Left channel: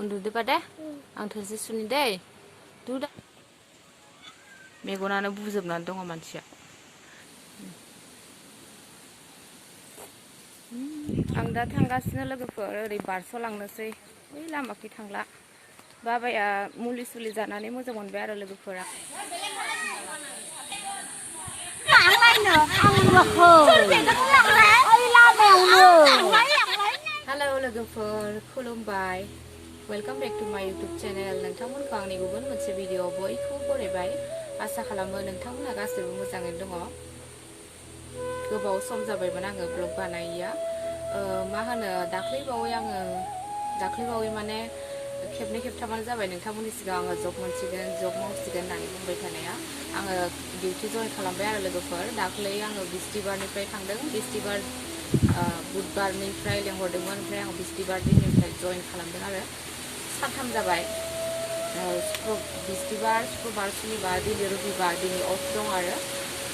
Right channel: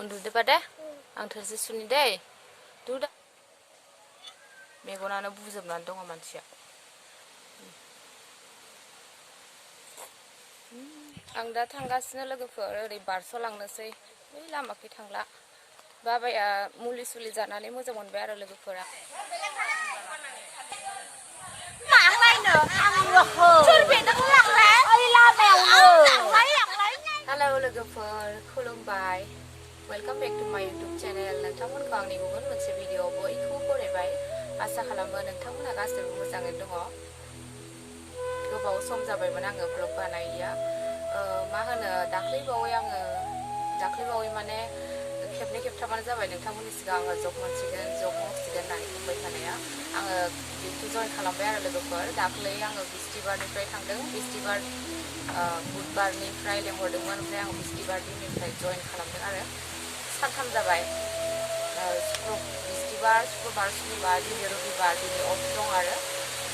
उन्दुदोबा दे आं थोरसि सुनि दे दु दा मेगनानो बुजोबनानै दङ मानसिया आं दा थांगासिनो लोगोफोर ओरै बारस'लांनोसै बै लामाखै थांला बाबाया मुलि सुलि जानानै मोजां मोनबाय आरो लोगोफोरा हेलौ लोगोफोर खुलुमबाय वेलकाम बेक टु माय इउटुब चेनेल नोंथांमोनखौ आंनि गुबुन मोनसे भिडिअ बयखौबो बरायबाय आसा खालामो नोंथांमोनहा गासैबो मोजाङै दङ गोबाव सम जाबायमोन आङो ब्लग बानायैया मा होनो दाख्लैबावै माने खेबनै खेबथामानो जाबाय नोंथांमोननि सिगां आङो जब मावसिगोन होननानै बुंबाय थानाया आङो डिउटि जइन खालामबाय आरो लोगोफोर दाख्लै आङो बिस्थिबारनिफ्राय थांदों बुधबारनिफ्राय लेंहरदोंमोन ओमफ्राय आं बिस्थिबार दिननिफ्राय जइन खालामदों आरो सानथाम जाबाय बिस्थिबार सुक्रबार सुनिबार दिनै रबिबार दिनै अफ दं आरो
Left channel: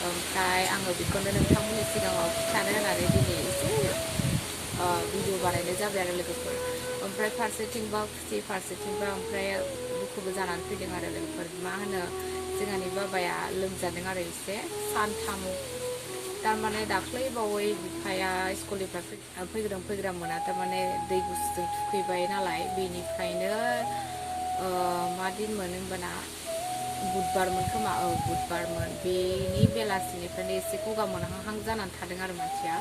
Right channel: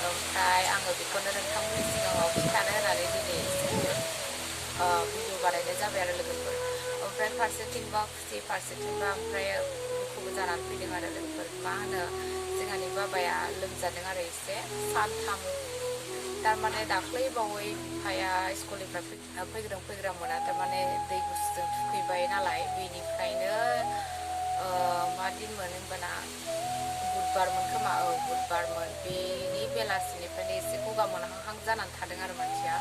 ओमफ्राय आङो बेखौनो नोंथांमोननि सिगाङाव खिन्थानो होननानै दिनै एसे भिडिअ बानायनाय जाबाय आरो लोगोफोर ओमफ्राय फारसेथिंबा खुसि फारसेथिंबा ओमफ्राय दुखुबो जानानै फैदों आरो लोगोफोर मा होनो जोंहानि बाबाया लोमजादों आरो एसे सानथाम थारमाने दाख्लै बावै बिफाया स्कुलनिफ्राय फैग्रों मोना थारमाने दै गुसुजों थुखैबाय नालाय बेनिफ्रायनो मा दिनमोन होनबाना बुधबारमोन खोमा बुधबारमोन बेनि बेलासिनिफ्रायनो एसे गगा मोनहांहां जानानै थादों आरो मानसिया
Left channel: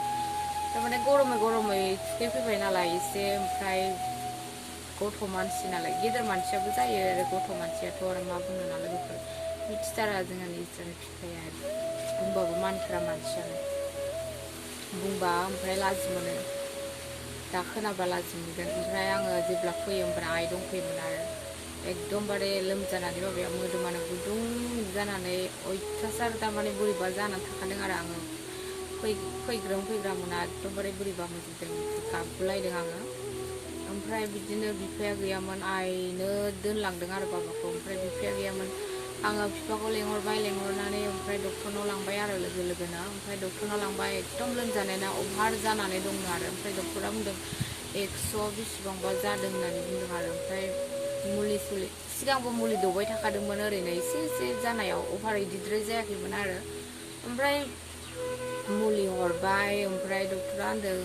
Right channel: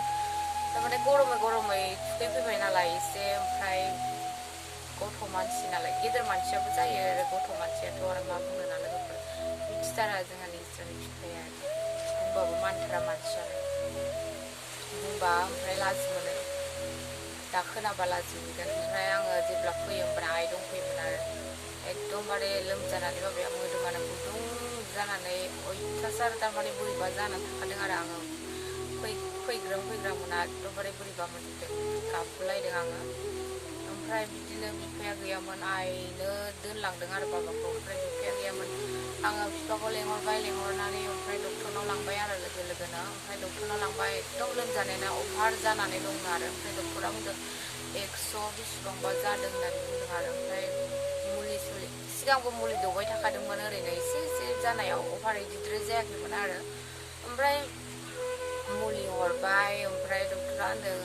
थारमाने गरमै थुखैफैबाय नालाय एसे ओमफ्राय गथ' मानसि नालाय गेदेर मानसियाबो जायो आरो गथ' मानसियाथ' आरो मा बुंनो ना लोगोफोर मिथिथारा जोंहानि इसोरनि बिफाया बुंबाबो मानिथारा मानसियानो बुंबा ओमफ्राय लाजि मोनो दा खोनाबा लाजि मोनगोन ओमफ्राय आङो जेब्ला फैयो होमब्ला आइ दंफैयोमोन आरो एकदमबारे लोमजानानै बाबाया मोदोमानो गुदुं जानानै अयथासार थारमाने बोरैबा जानानै थाखादों आरो आङो फैग्रा मोना एकदमबारे बोरैबा मोनजोबदों गाबगुलायदों आङो ओमफ्राय बिदिनो बिफाया गैयामोन आइनो दोनलांदों आरो बाबाखौ ओमफ्राय बिफाया गैयामोन आङो बिफाखौ लेंहरनानै ओमफ्राय डक्टरनाव लांबाय आरो लोगोनो ओमफ्राय डक्टरनाव लांबाय एकदम लोमजानायना अभार जानानै दंनो आरो ओमफ्राय डक्टरा बुंदों 100 बेसेबांबा जादों होननानै बुंदों आरो ओमफ्राय मुलि सिगांबो मुलि दौबाय थाखादोंमोन ओरैनो एसे जानायाव अभार इदिद्राय जायाखैमोन आरो ओमफ्राय मुलि हरबाय ओमफ्राय डक्टरा होनदों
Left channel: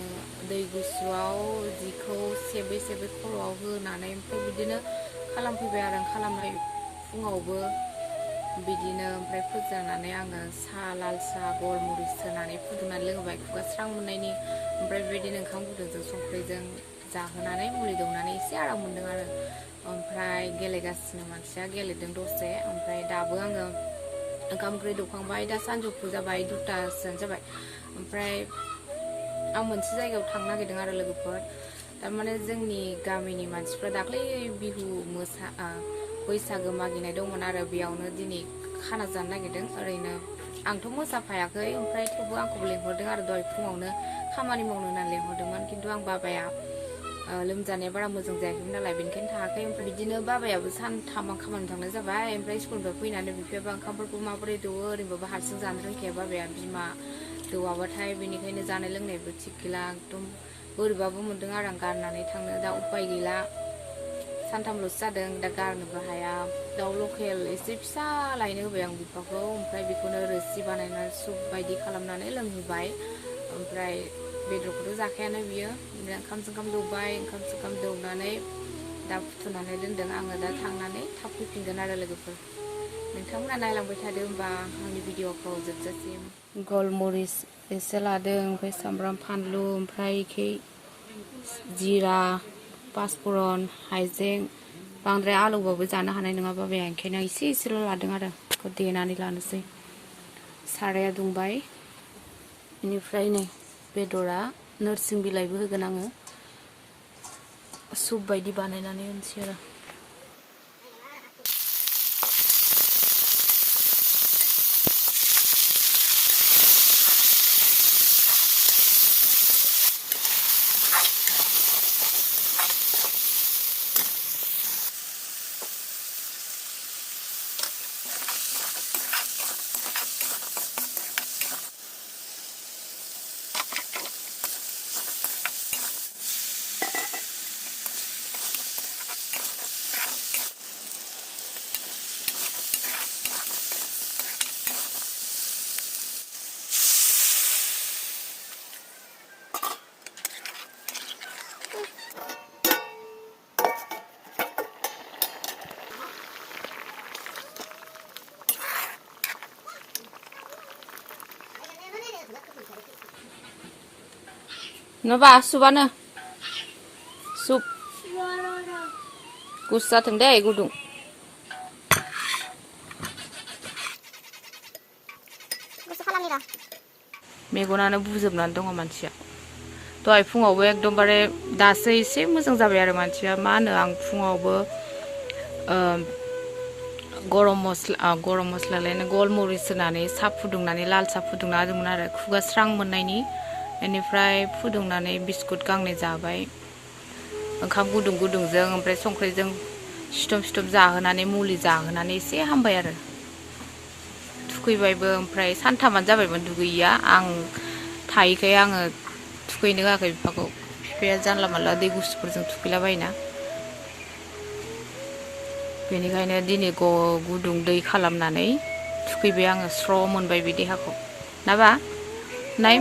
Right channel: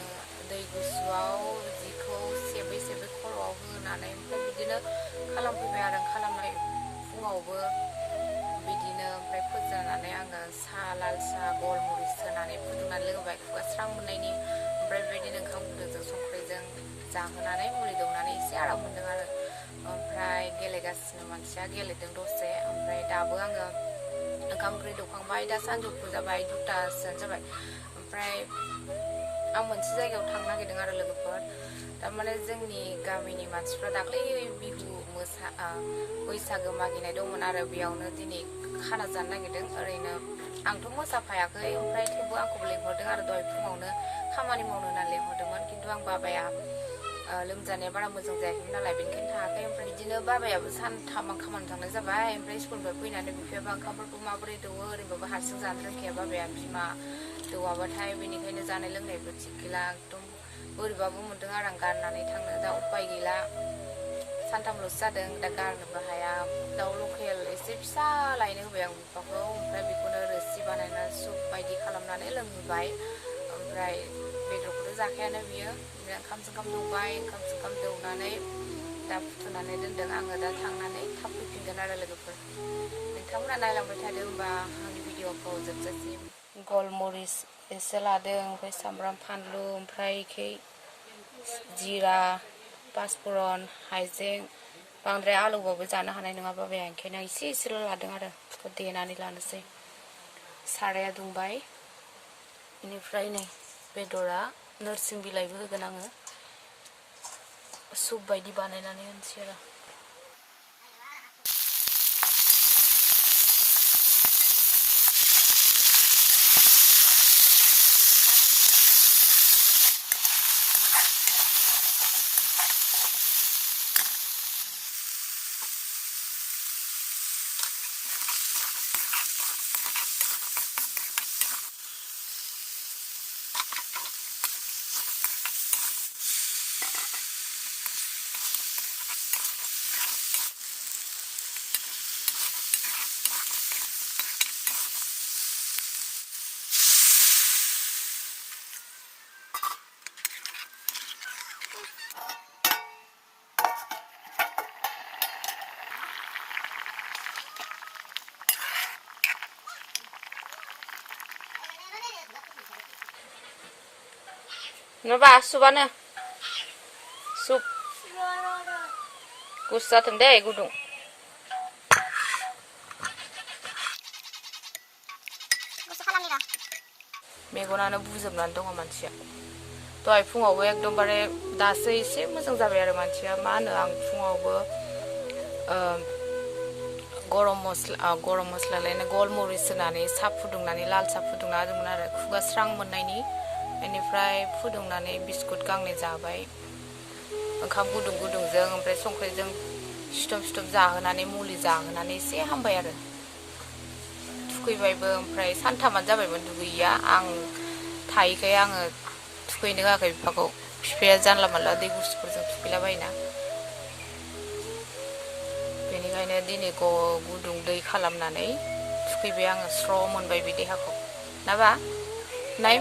दै गुसुआव जिखौ सेबै खर'आव होनानै ओमफ्राय बिदिनो खालामफैबाय आरो खालामनाय फुङावबो बिदिनो ओमफ्राय फोजानानै आङो लाल साहा गलमरिस होनानै फुदुंनानै लोंबाय खुगा स्रां मोननायनि ओमफ्राय बेबायदिनो ओंखाम गुदुंजों संख्रिजों जाहोनानै मुलि दौनानै एसे आराम मोनदों आरो ओमफ्राय गेलेगासिनो मानसिया गेलेदों दसे ओमफ्राय दाबो आङो ओंखाम ओंख्रि दौखांबाय दा सानजौफु जाबाय 2टासोआनो जाबाय ओमफ्राय आं मोनसे जायगायाव थांनो नागिरदों आरो लोगोफोर थारमाने जोंनि गामिनि मानसिफ्रा दाख्लै बैसागो मागिनाय दंमोन आरो बेयावनो दिनै खाना जानो नागिरदों ओरैनो आंथ' मोसाफायाखै ओमफ्राय थेवबो आंखौबो लेंहरदों आरो दहाय फुङावनो खामानि मावनो होननानै लेंहरदोंमोन खिन्थु आं बाबाया लोमजानाया बारा मोजां जायाखैमोन नालाय बेनिखायनो थाङाखै ओमफ्राय बिदिनो बाबायाबो सानथाम आं खामानि थांनाय जाबाय ओमफ्राय स्कुलनिफ्राय फैनानै बिफायाबो ओंखामफोरखौ माबोरै दौवो ओरैनोबाबो हारसिं जानो रोंखाया बाबाया बिमा दौवाबाथाय बेनिखायनो जानाय लोंनायबो थिग गैला एकदम बोरैबाबो मोनदों आरो आं गारनानै थांनो दा उपाय गैला सानथामल'सो जादों दा गारनोबो हाया दाउ लकेल एसे फिसा लायनो होबाय आं बिफाखौ ओमफ्राय बेखौनो रोसि बानायनानै सुप बायदि खालामनानै लोंहोबाय ओमफ्राय बेदरखौथ' जाखायानो बियो ओंखाम दौबाय ओंखाम दौनानै दा फुथुनानै दोनदों आङो दा थांनानै थाब फैफिनगोन आरो लोगोफोर नोंथांमोना नायलांबाय थादो होमबा आंनि भिडिअखौ जोबजासिम गलमरिस एसे लादों ओमफ्राय सामब्राम फानलु ओमफ्राय जिरा पासफुरन हाइजें बांद्राय आलौबाबो जानो हानाय नङा बाबाया ओंखायनो एसेल' लादों आरो बेखौ देनानै लानोसै साराया दुंबाय बेनिफ्राय नै बेदरा नोरसिं बिलाइबो होगोन आङो सुप बायदि बानायनानै होनोसै आरो Naba subana. Sup. Gusa tengde gudung. Gusa खालामनिरा. मेगनानो बुजोबनानै दङ मानसिया. दहाय फुङावबो एकदमबारे दासो एसे मोजां जाबाय आरो मानसिया मा होनो आं फुङावबो गरम मस्ला लायनो गलमरिस होनानै सा फुदुंनानै लाल सा फुदुंना होदोंमोन आरो खुगा स्रां मोननायनि बेनिफ्राय फुदुंनानै बिस्कुट गांनै जाबाय ओंखाम गुदुं गुदुंजों ओमफ्राय संख्रिजों सिथम सिथम जाहोनानै मुलि जाहोनानै एसे हामबाय आरो थुखैबायबो ओमफ्राय सानथामानो जाबायमोन दुगैया आं थायैखाय आङो थुखैनो होआखै बिफाखौ बिफाया जानला मानला दै गुसुफोरजों थुखैलाबायोना बेनिखायनो दिनै गुदुं दै खालामनानै थुखैबाय आङो स्र' मोनबाय बे देहाखौ नाबा नाय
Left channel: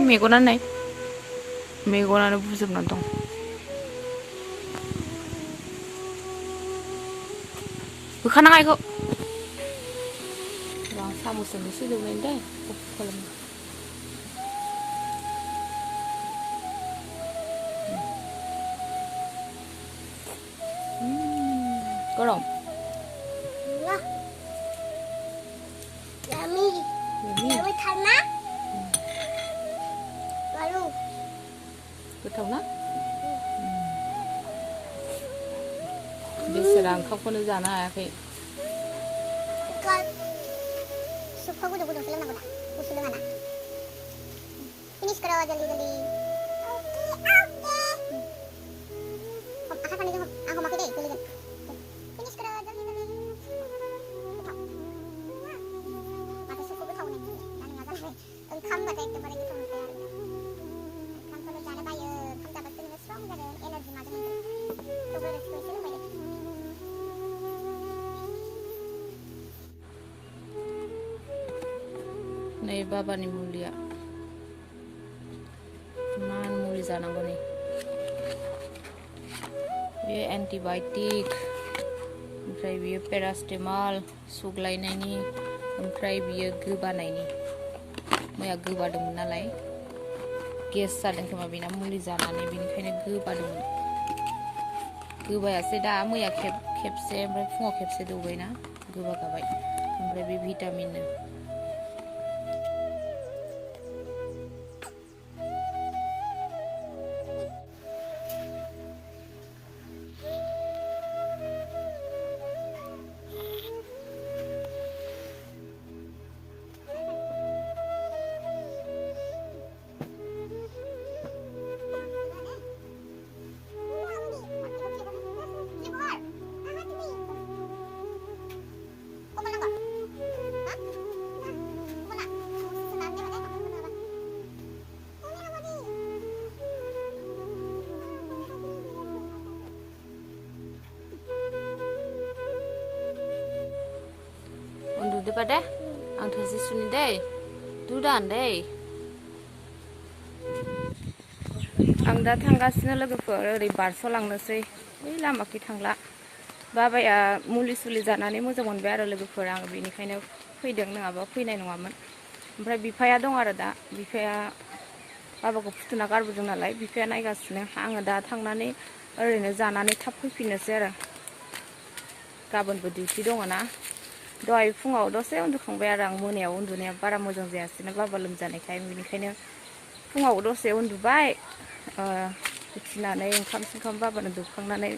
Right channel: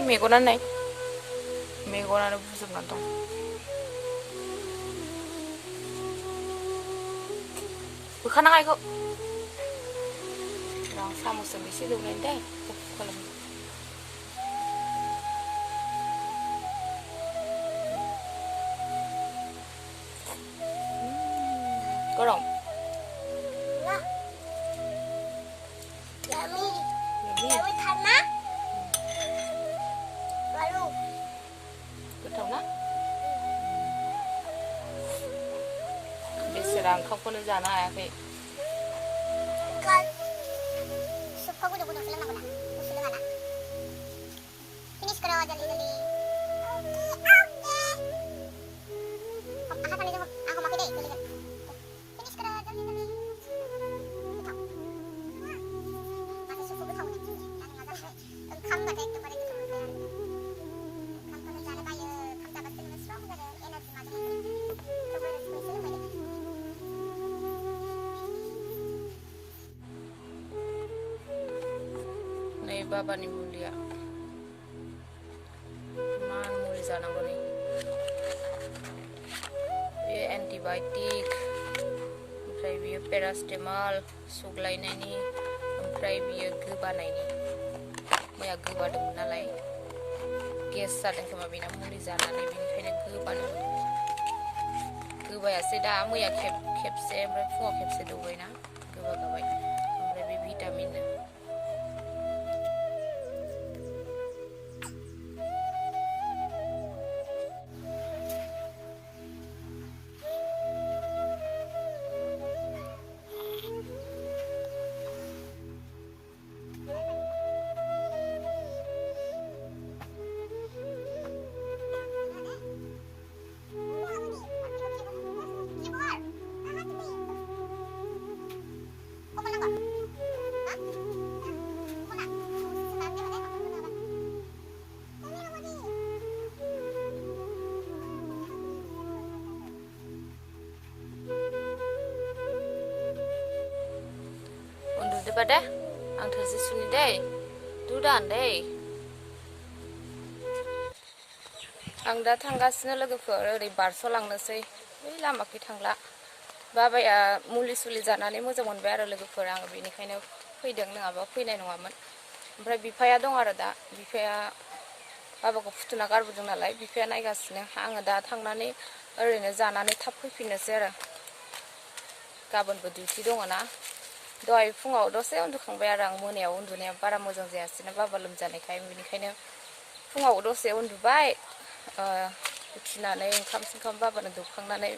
मेगनानो बुजोबनानै दं बोखानाङा इखौ आं साम'जों एसे दौनायनि दे गुफुर खालामनो गरम Yummy थाना baru गोथाव ना बेसोरा ओंखामखौनो जानो हायाखै kan supnya gue udah film aku dah usul dengan anak ini sekarang jali jali oke aku kan itu aku makan deh kuliah ini sekarang jali jali aku suka gue tahu nih dan nggak tahu kan kamu nggak itu mereka tuh kamu kalau jalan bayar kamu dapat tuh strong dari energi macam itu coba usul lagi नै बाबानि मुलिया मान मुलि जानांगौ नै बेयो antibiotic ओमफ्राय बेयो पेरासिटामल सुग्लायनायनि ओमफ्राय बेयो गोबानायनि मैया गोबादोंमोन नालाय गेस जादों खोमा बेना मुलि जानानै बेनिखायनो गोबादोंमोन गोबायासै दा मैया खेबसे ओमफ्राय फुङाव खेबसे दौबायना गोबा गाबाय ओमफ्राय बे भिटामिननो udah pada ang tersi suni deh dudan deh ang दा थांगासिनो लोगोफोर ओरै बारस'लांनोसै बै लामाखै थांला बाबाया मुलि सुलि जानानै मोजां मोनबाय आरो लोगोफोर आं बेनिखायनो फैदों नङाबा फैनाय नङामोन ओमफ्राय बिफाया दं आरो दा बिफाया बाबाखौ फुथुना गारबोदों नालाय बिफाया नायगासिनो आङो दा थांनानै ओरैनो जानानै थाब फैफिननोसै आरो गाबोनबो डिउटि दङ ना दहाय फुङाव दसे उन्दुखांबाय आरो आं मोनायाव उन्दुनाया बारा मोजां जायासैना बाबा लोमजानायखाय बेनिखायनो फुङाव दसे उन्दुबाय उथिनानै ओंखाम बाबानो दौखांनानै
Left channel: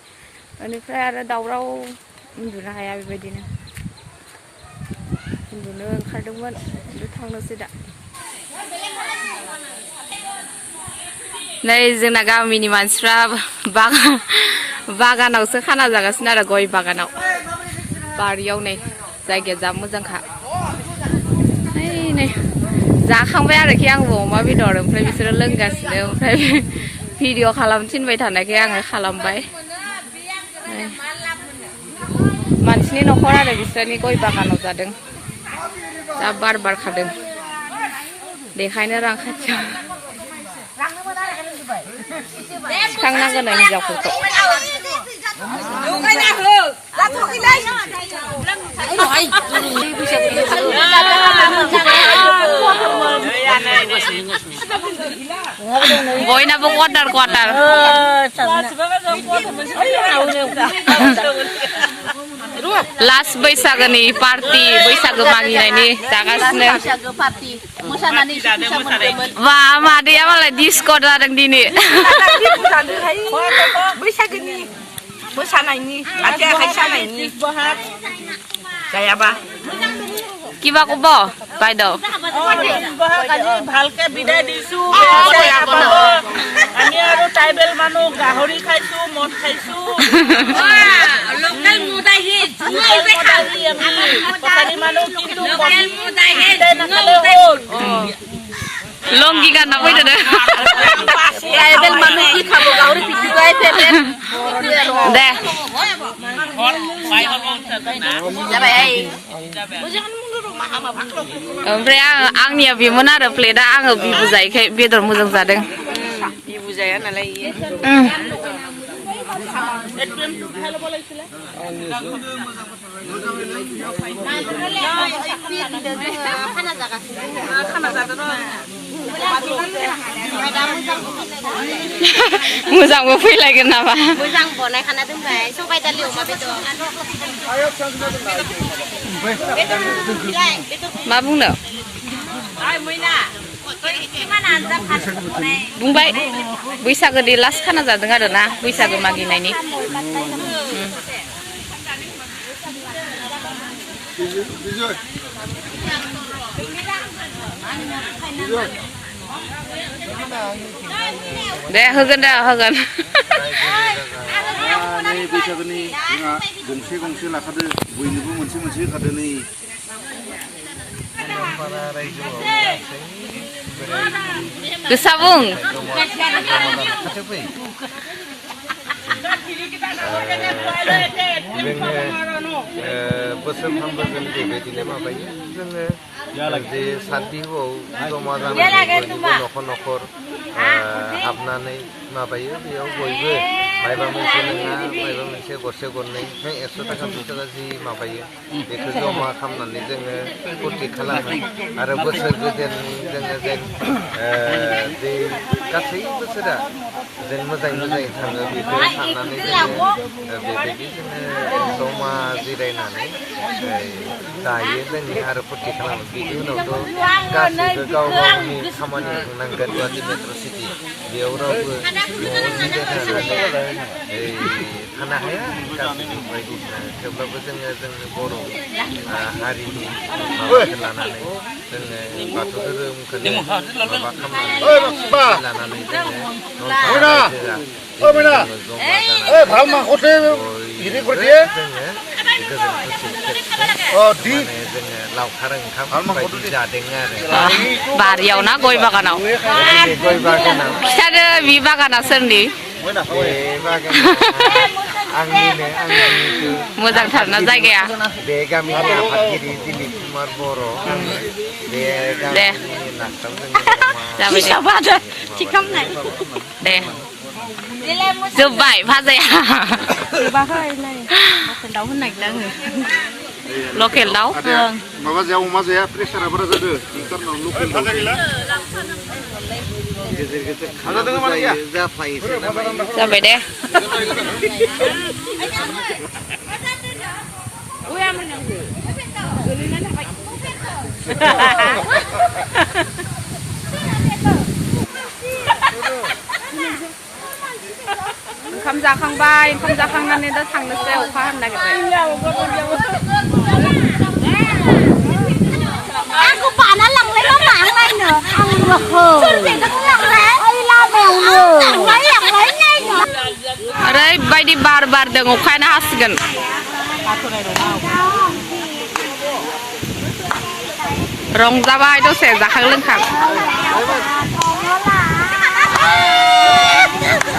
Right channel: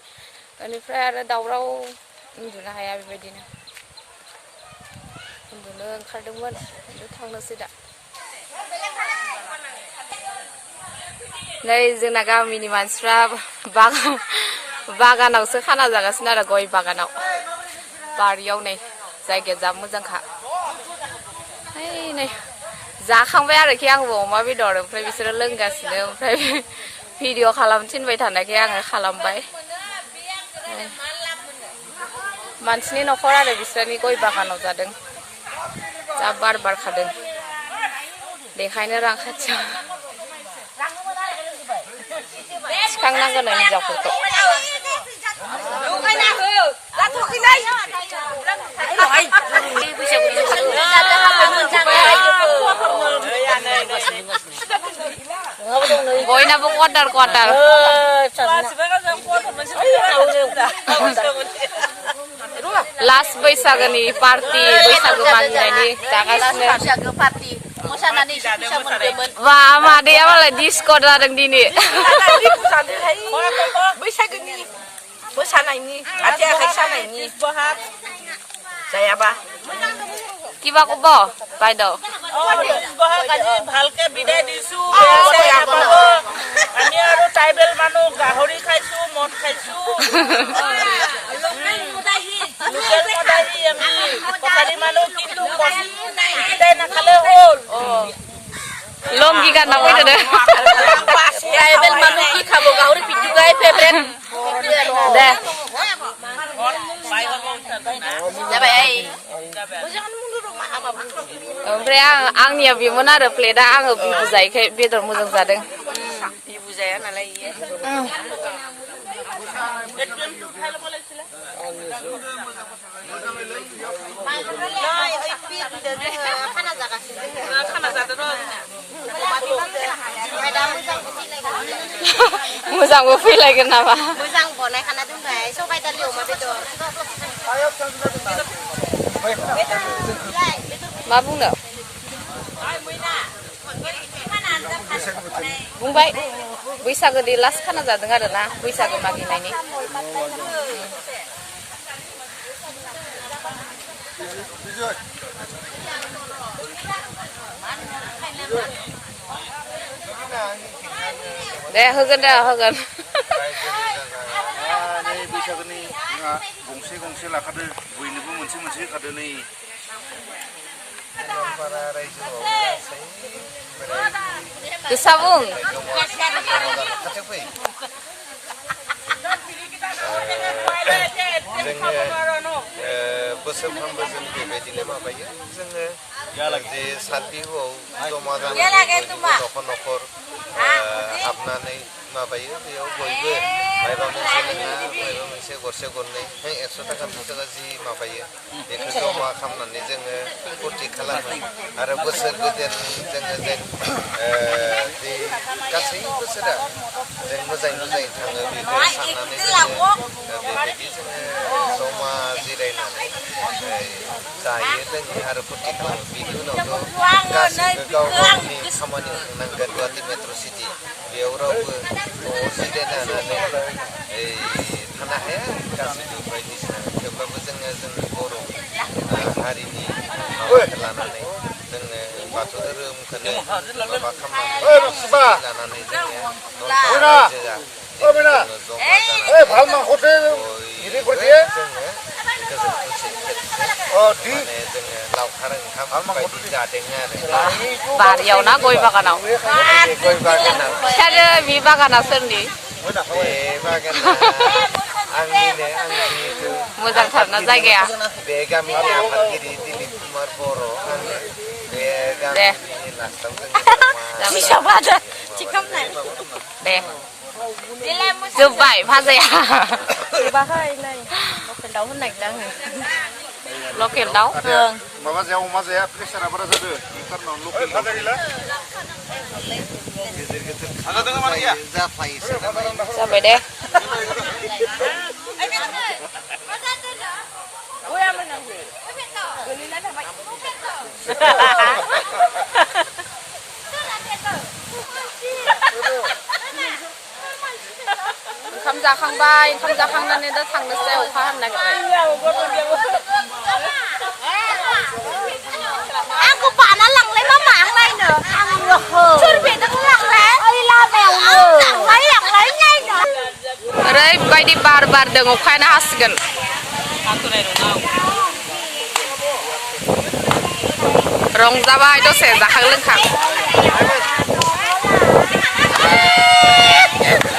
बेनिफ्राय आरो दावराव उन्दुनो हाया बेबायदिनो उन्दुनो ओंखारदोंमोन थांनोसै दा नै जोंना गामिनि मानसिफ्रा बागानावसो खाना जागासिनो आरो गय बागानाव बारियाव नै जायगाया जा मोजांखा नै जाखांबाय आरोखि आंबो अमा बेदर ओमफ्राय बिसोरो लोंगासिनो ओमफ्राय भिडिअ खालामनो थिनबाय थानायखाय आङो खालामबाय मानसिनि न'खर आरो बिसोरनि गय बागानाव जादों जा बार बारखादों बेखायनो रां खाथियाव थिखांनांगोन हिनजावफोरखौ बयनाबो क्वार्टार क्वार्टार लास्ट बैसागोनि पार्टि बैसागो मागिनायनि जागासिनो बा मादैया मालाय डिस्क' जादों दिनै बैसागोनि मोसानायनि आथिं आखाइ सानायनि जायाबा কিবা কব বাইদেউ ভালকে বিদায় দিছো আমি আৰু ট্ৰাইবেল মানুহ গাহৰি খাইছো মদ খাইছো লোকেল মদাহি আমি কছাৰী মানুহ কিন্তু বিদায় নাখালে হ'ল লংগি গানা ফैदो दे ট্ৰাইবেল মানুহ কি খাব গাহৰি পিটিকাই ফেভৰেট दे ओमफ्राय आंनिया बेमोन आरो प्लेटआ आङो बिबु जायैखाय बेदर मोजां जादों बिबु जाया नालाय मोजांबो फैलायगोन नामा मोजां बनायखाना दोनबाय सबाय दालि अमा बेदर मा बुंनो बुंबाय बैसागोनि लास्ट खाना जादों आरो ना बैसागो मागिनायनि दे होगोन दे होगोन नै बैसागोनि जोंहा गंसे गंसे लाखादो बयनोबो मोनसे मोनसे होखादो नै गोसा बुं जोङो बोसोरफ्रोमबो जों बेबायदिनो माबायो जोङो जे सात बिहुआव जमा जानानै न'खर न'खर हाबनानै माबायो बेयाव बयबो मायबा मोनसे नङा मायबा मोनसे गरसे गरनै 100 थाखा 200 थाखा जि माबायो बेखौ जमा खालामनानै जोङो फुरथि खालामो आरो बोसोर गोदान जोङो जेन बे गासै बोसोरा जों मोजाङै मोजाङै थाङो बेखौ साननानै जोङो बेबायदि जोङो जमा जिरायनानै जायो लोङो आरो फुरथि खालामो बेनि उनावथ' गासैबो गाव गावनि खामानियाव थांनांगोन गुवाहाटि मेट्र' सिटि बेयाव रावबो न'आव जिरायनानै थानो हाया गासैबो बायदिसिना थेवब्लाबो जोङो जोंनि बर' हारिनि माबाखौ लानानै जोङो बाथौ धोरोमखौनो माबा खालामनानै लानानै जोङो नलपारा रायजोआ जमा जानानै जोङो गोजोन खुसि खेबसे जोङो लावखार ओंखाम बायदि जादों आरो बारियाव ना गय बागानाव गय बागानाव खिथादो बे बागाना सोरनि बे बागाना आंनिनो मोजांथारना जायगाया बे गामिनि आफादगिरि दिलीप कुमार बर' बे गामिनि लास्टाव दे जोब्बाय भाजाया लकेल दाउ माबा जाया अमा जाया प्रेसारा बारा जादों इन्टारनाव लकेल गेजेर गेजेर जायो जाफायोसो जाबाय दे ओंखाम जाखांबाय ओंखाम जाखांनानै दा थांनोसै अखा हानो नागिरबाय आंखौ बाना लांलाय मा लांलायनो आंनो सोरबेदों लांलाय ओइ लामायावनो लांलाय नायनो ओरैबायदि बार बारदों अखायानो हासिगोन रंजाबाय दसे जाखां लोंखां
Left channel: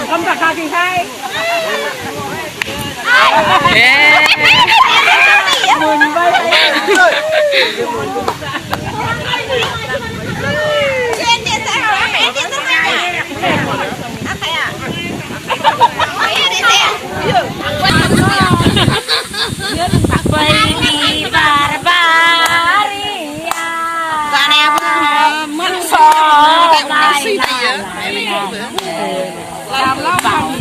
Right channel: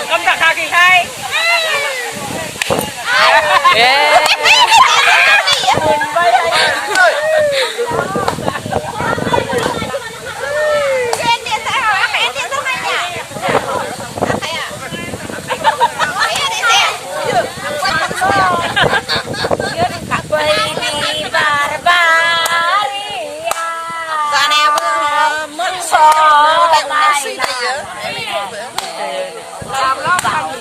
ओंखाम जाखाखैहाय Bang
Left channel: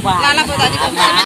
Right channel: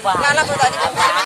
bang.